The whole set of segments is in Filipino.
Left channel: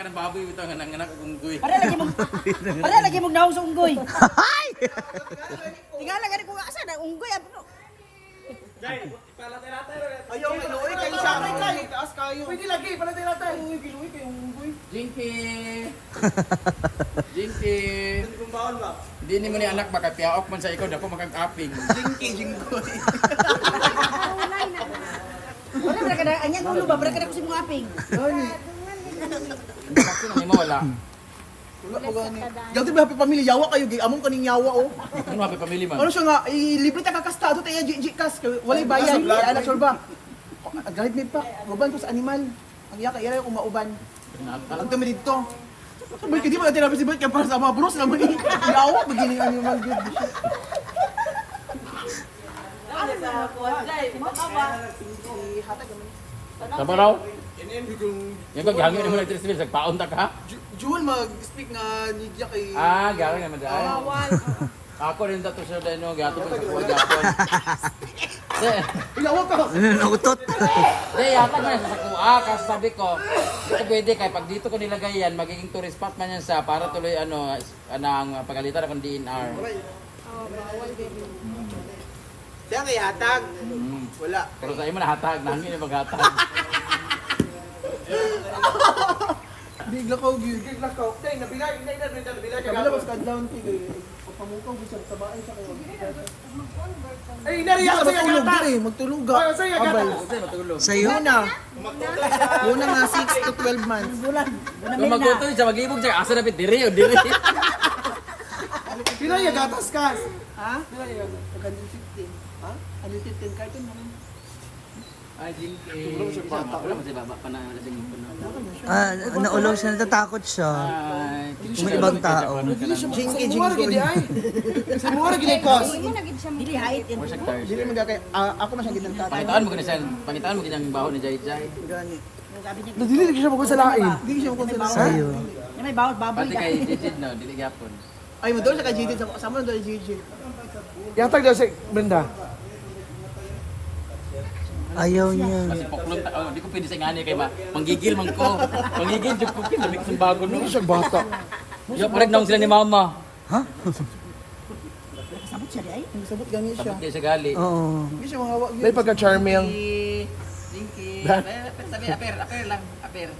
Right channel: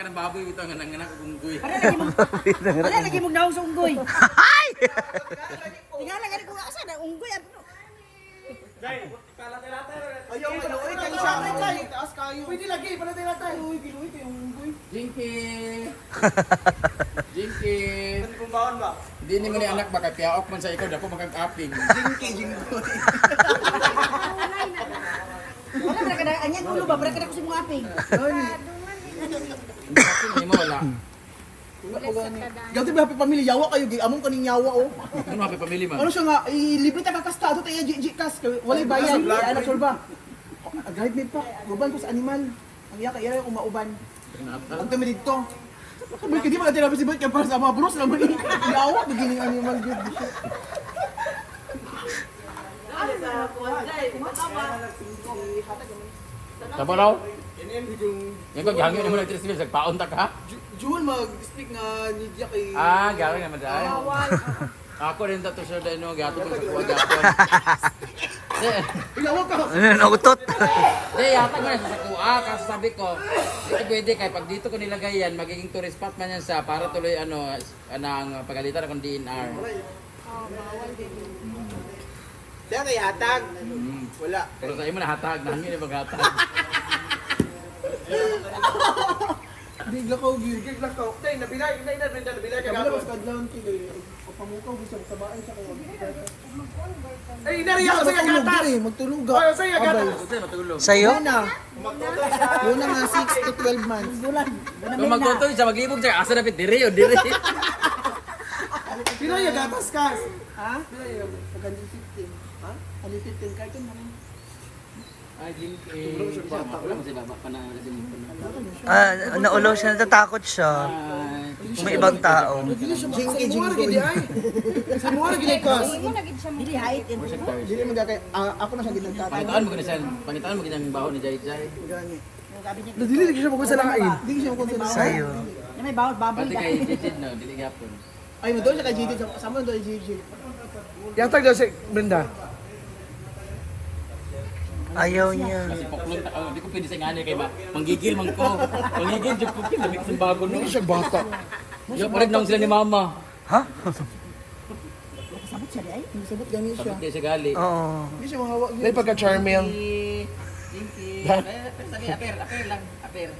ka ng baboy ito nga nanganak og unggoy. Ano lagi mo naong sa unggoy? Ay! Tingala gani ko asa na unggoy ano. Ayaw, maluoy kayo siya. Taas kayo. Pwede lagi, palatay-latay. Uy, giluoy kayong unggoy. Jinky. Jinky. Hindi ni mo ni anak baka piyaok man sa ikaw dako makag-aping. Jinggoy. Wala ra kada anya ulo ba para kada ko si mga aping. Aping ni mo wala. Ganti ba happy family yawa kayo gi among kaning yawa oh. Ano happy family man? Ano siya nga libre ta kakastado tayo kas walay bayad. Anak sure ba? Guide me pa. Uban ko sa animal. Ang iya kay ira ko mauban. Ang tumi dito. Sabay kadi mga therapy si Bert kaya para sa mga bros naman ni yawa beginning animal good. Tama raw? Yan ko gihangin mo na ito sa paon ta ka? Jewel mag-speak nga niya kay Ah, gawin naman dahil. Ako rin dato sir dahil no gato ko sa kuha gato. yawa ka. Ano, nautot? Hindi, yata ko na sa kuha kasi sabi ko, dito pwede kaya pag dito ko nilagay yan, magiging tourist spot man yan sa para tuloy ang pagalitan akong DNR. Kaya kay hatag. Wala. Pero sa imo na hatag, nangin yung maghatag. Bigla ka og yun. Bigla ka. Tay nabilay, nabilay. Kabila mas kadlaw ti kay pamukaw gusto sa bahay sa kayo. Ay inariya sa matulog dire, magtulog ga. Abay. Sa'yo? Una nga 6 to 12 months. Bulan. Kung magtutoy sa mag-ibog siya, asa dapat diri o diri. Pila ya gatas kas? Ha? Pila ya? Tagan 15. Ha? Ano 15 carton mo rin? Ay, Jinky. Wala mo si baba pa na nasa ko na. Naulaw siya, natatakot siya. Ay, May ibang tao. Jinky jinky. Sa mga gid kos. Dili height and Dili magakay ako na siya gid nagtatay. pangitaan mo gina siya, pangitaan mo ginang baho ni Jai Jai. Gani. gabi niya. Dili siya magod sa lain. Dili siya magod sa lain. Sa'yo. Yan may bawal baboy Pati ka. kay Jijid no, dili gyapon. Ay mo doon siya kay GD sama doon kay GG. Yatag daw si Brenda. Ayaw niya. Kasi poklon ta, di ko pwede sa ngani kay manggigil man ko. Manggigil jud ko pila mix bago no. Hindi siya bata. Ya pareg naong sila ni mama. Ha? Sabot siya di ay. Sabot gani siya. Sabot kay siya gali. Oo. Hindi siya mahawa Dahil gyud. pagka-charming. Dinky. Sabi aper lang, aper.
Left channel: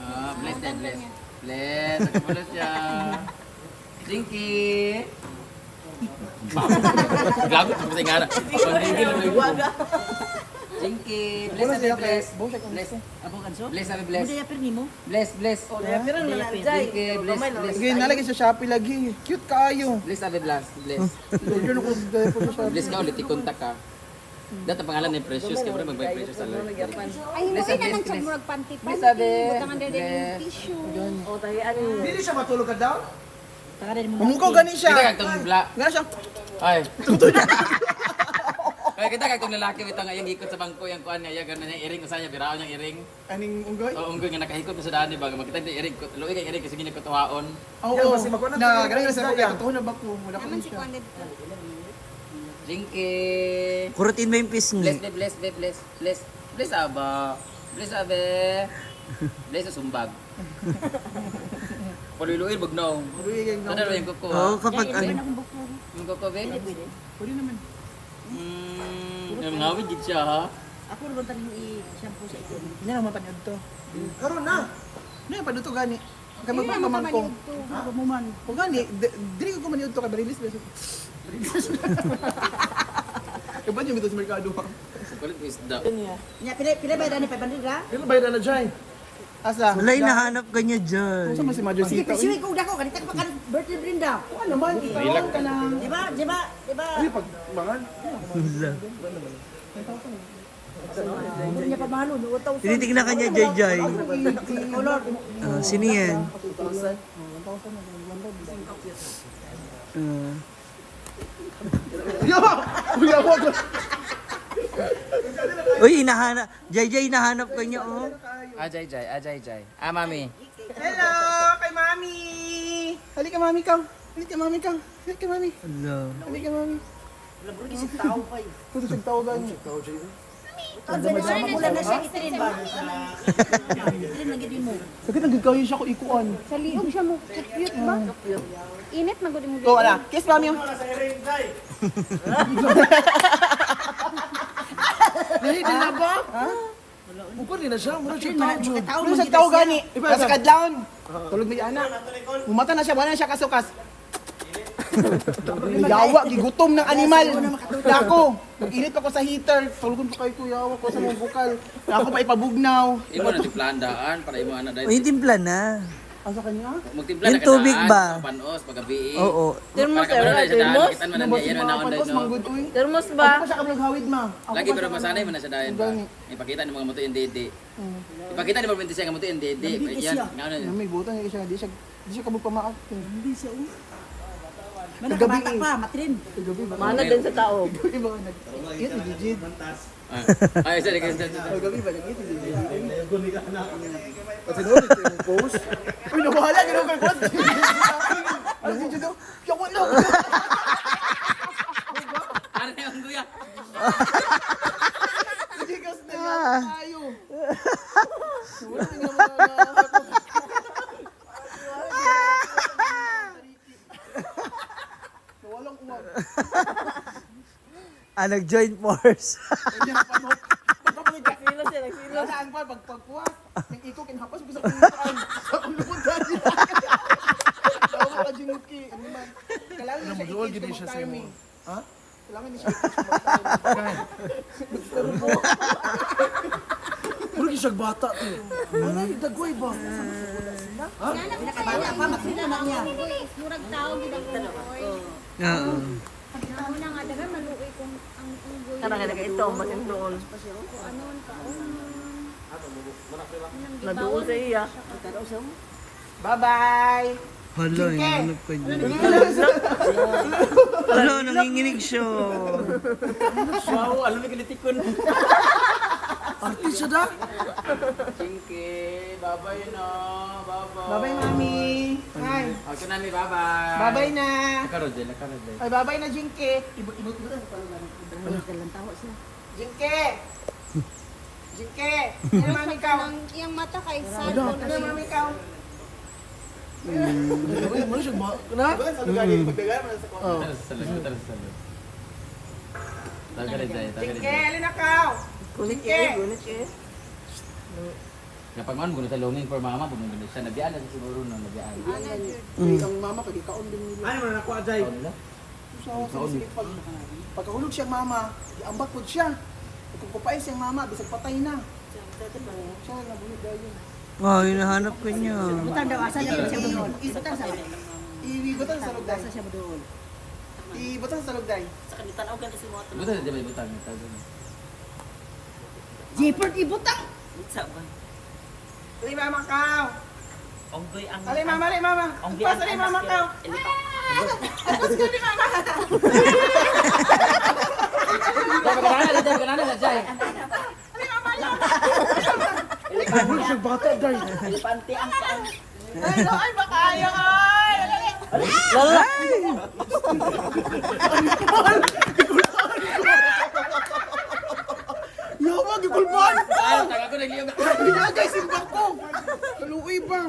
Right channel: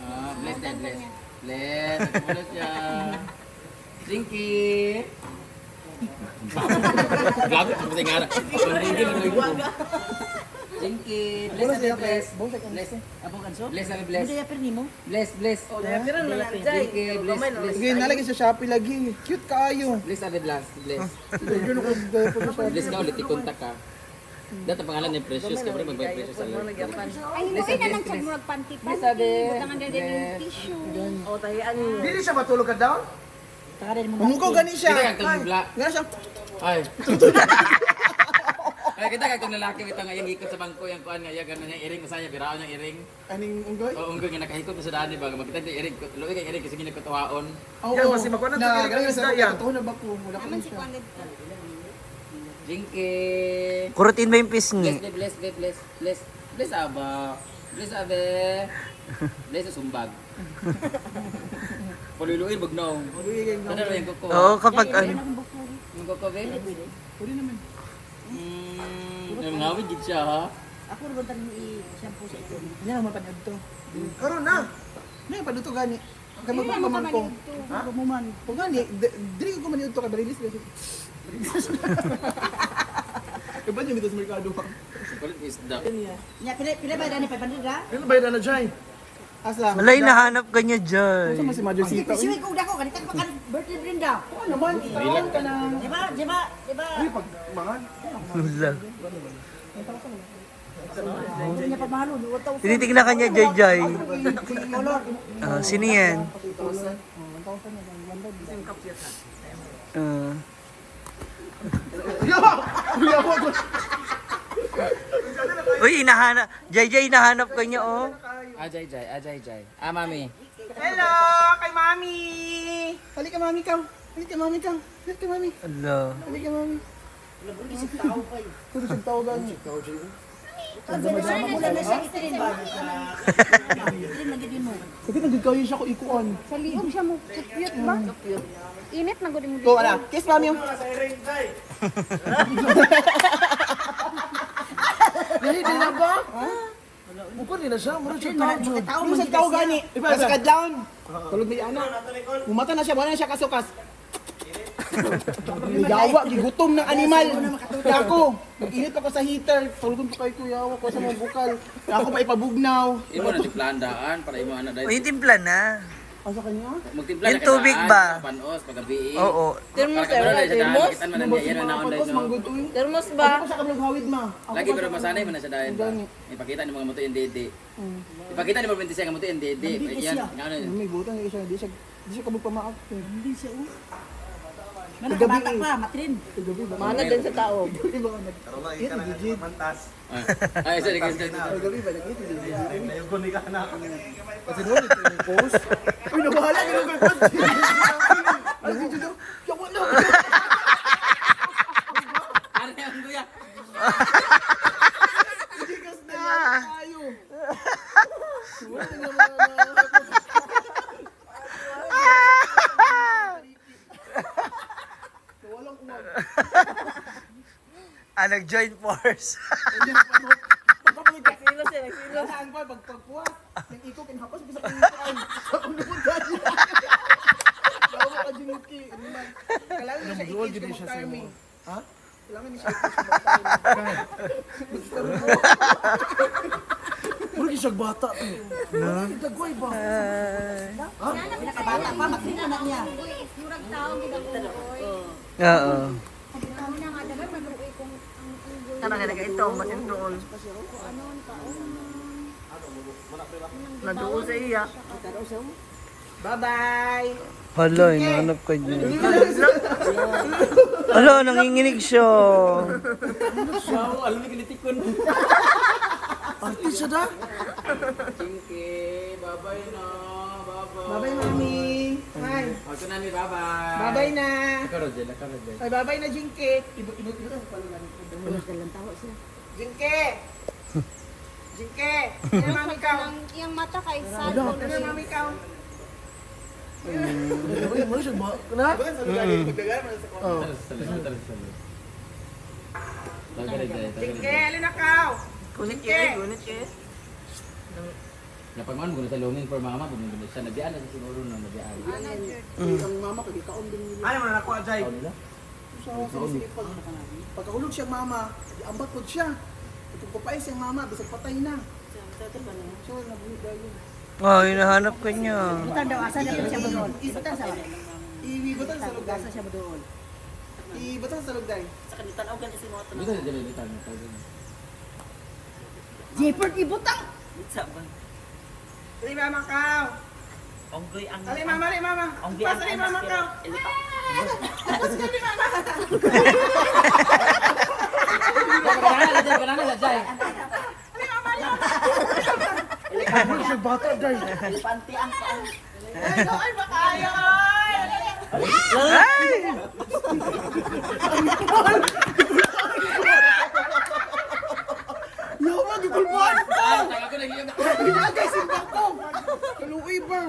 Ah, bless that, bless. Bless, nagpulo siya. Dinky. Gago ko sa ngana. Manggigil na ko. Dinky, bless sabi bless. Bless. Abo kanso. Bless sabi bless. Hindi apir nimo. Bless, bless. Dinky, bless, bless. Gay nalagay sa Shopee lagi. Cute kaayo. Bless sabi bless, bless. Gano ko po sa Shopee. Bless ka ulit, i-contact ka. Dito pangalan ni Precious, kaya pwede mag-buy Precious sa Ay, hindi Bless, na bless, lang siya bless. murag panty-panty. Bless sabi. Butangan din yung Bless. tissue. Dili siya matulog ka daw? Taka din mo. Pamukaw gani Kita siya. kag tong bla. Nga siya. Ay. Kaya kita kag tong lalaki bitaw nga yang ikot sa bangko yang kuan nga yagan na iring usa niya biraon yang iring. Aning unggoy. O unggoy nga nakahikot pa sa daan di ba makita ni iring ko. Luoy kay iring kasi ginagkatuwaon. Oo. Na ganun sa kaya totoo na ba ko? Wala ko Naman si siya. Kwandet. Jinky. Kurutin mo yung Bless, pisngi. bless, bless, bless, bless. Bless aba. Bless abe. Bless sa sumbag. Paluloy bugnaw. Ano ba yung kuko? Oo, kapag ano. Yung kuko be? Pwede naman. Ngawid gid siya ha. Ako ron tanin i-shampoo sa ito. Hindi na mapanood to. Karon na. Na pa to gani. Kay magpapamangkong. Ako mo man. O gani, dili ko maniud to kay Barilis beso. Iba yung dito sa merkado ha. Kulit isda. Nya pila ba dani 500 ra? Ano ba yun na dyan? Asa? Wala, hinahanap ka niya dyan. Sama si Major Sita. Siwi ko dako kanita pa kan birthday Brenda. Ano naman? Mahilag ka. Di ba? Di ba? Di ba? Uy, pag mangan. Wala. Hindi niya pagmahalo, utaw. Tinitignan ka niya, Jai Jai. Color. Sino yan? Kuya mo. Uy, hinahanap. Jai Jai, hinahanap ka niya, oh. Ajay jay, ajay jay. Ah mami. Hello, kay Mami. Halika Mami ka. Halika Mami ka. Halika Mami. Ala. Halika Mami. Wala bro, isip tao pa eh. Kuno sig tao gani. Mula na siya itrin ba? Itrin na gid mo. Sakit ang gagawin siya ko ikuan. Saliog siya mo. Cute ba? Init na gudin Go, ana. Kiss, mami. Dili, dili na ba? Mukha din na siya. Mura siya tao. Ano sa tao gani? Nasa kadlawon. Tulog may anak. Mumata na siya, wala na siya kasukas. Yawa, gigutom ng animal. Dako, nag-init ako sa heater. Tulugon ko kay kuyawa ko sa mga bukal. Dako pa ipabugnaw. Imo na tiplandaan para imo ana O, yung timpla na. Asa kanya? Magtimpla Yung tubig ba? Panos pagabi. Oo. Para ka na sa daan, kita man ang yan na online no. Termos Ano pa siya kablog hawid ma? Lagi pero masanay man na sa daan ba. Ipakita ni mga moto yung dede. Ipakita ni mga 26 nga moto yung dede. Yan, ngano. May butang siya, di siya kabog pamaak. Hindi siya. Gabi Bata pa, matrin. Gabi ba? Mana din sa tao. Gabi ba nag Yan digit. Ay, sorry guys. Gabi ba nag-eat digit. Ayoko ni ka na. Kasi doon yung post. Uy, nabahala ginawa kay post. Ang video daw. Yawa na. Ano yung kuya? Tigas na tayo. Wala na naman walang uwag. Nag-joint force. Hindi na panot. Nagkakilo siya, nagkilo. Saan pa, pagpuwas. Nang ikaw, kinahapos, bisa kinituan. Sa ulupod na siya. Dawa ka jinuki. Kailangan na siya Mag-roll i-teach gini ka siya sa mag-timing. imo. Ha? Kailangan niya siya i-teach ka mag-timing. Mura siya bata. Dagway ba? Bata pa, matrin na na niya. Murag tao gid ako. Oo. Tao na nga dagan maluoy kung ang Tara na ito, matrin doon. Naduol sa iya. Bye-bye! Hala, hinahanap ka niya. Hala, nanginginig siya. Wow, alam ni kinitikon. Artist siya da. Chinky, bye-bye na. Bye-bye. Bye-bye, mami! Hi! Okay na mi, bye-bye. Bye-bye na! Karodel. Ay, bye-bye na, Jinky! Ibo Jinky! Jinky! Yan ang mami ka! iyang mata kay sad. Yan ang mami ka! Mura siya bata. Na? Oh. Salud. Jinky, alin na ka! Jinky! Napangon ko sa longing for mama, bumili siya. Nabiyan na siguro na nabiyan. Ang mama ko, di kaon din nila. Ay, wala na ako, Ajay. Pagkahulog siya mama, ambak po siya. Kung kupay siyang mama, bisag patay na. So, nabulog dahil. Oh, hinahanap ka niya. Butan daw, asa niya siya doon. Butan sa Ibutan sa lugday. asa siya doon. Ibutan sa lugday. Buta na dyan, buta. Jepard ibutang. Ali mama ka. Ali mama. Pas ali mama ka. Pas ka ali mama. Ganana na dyan. Mura siya bata, Day. Ay, makayo ay. Yawa, gigulban ka. Ako nag-iyon. Pinagay simbak ko. Kaluoy ba?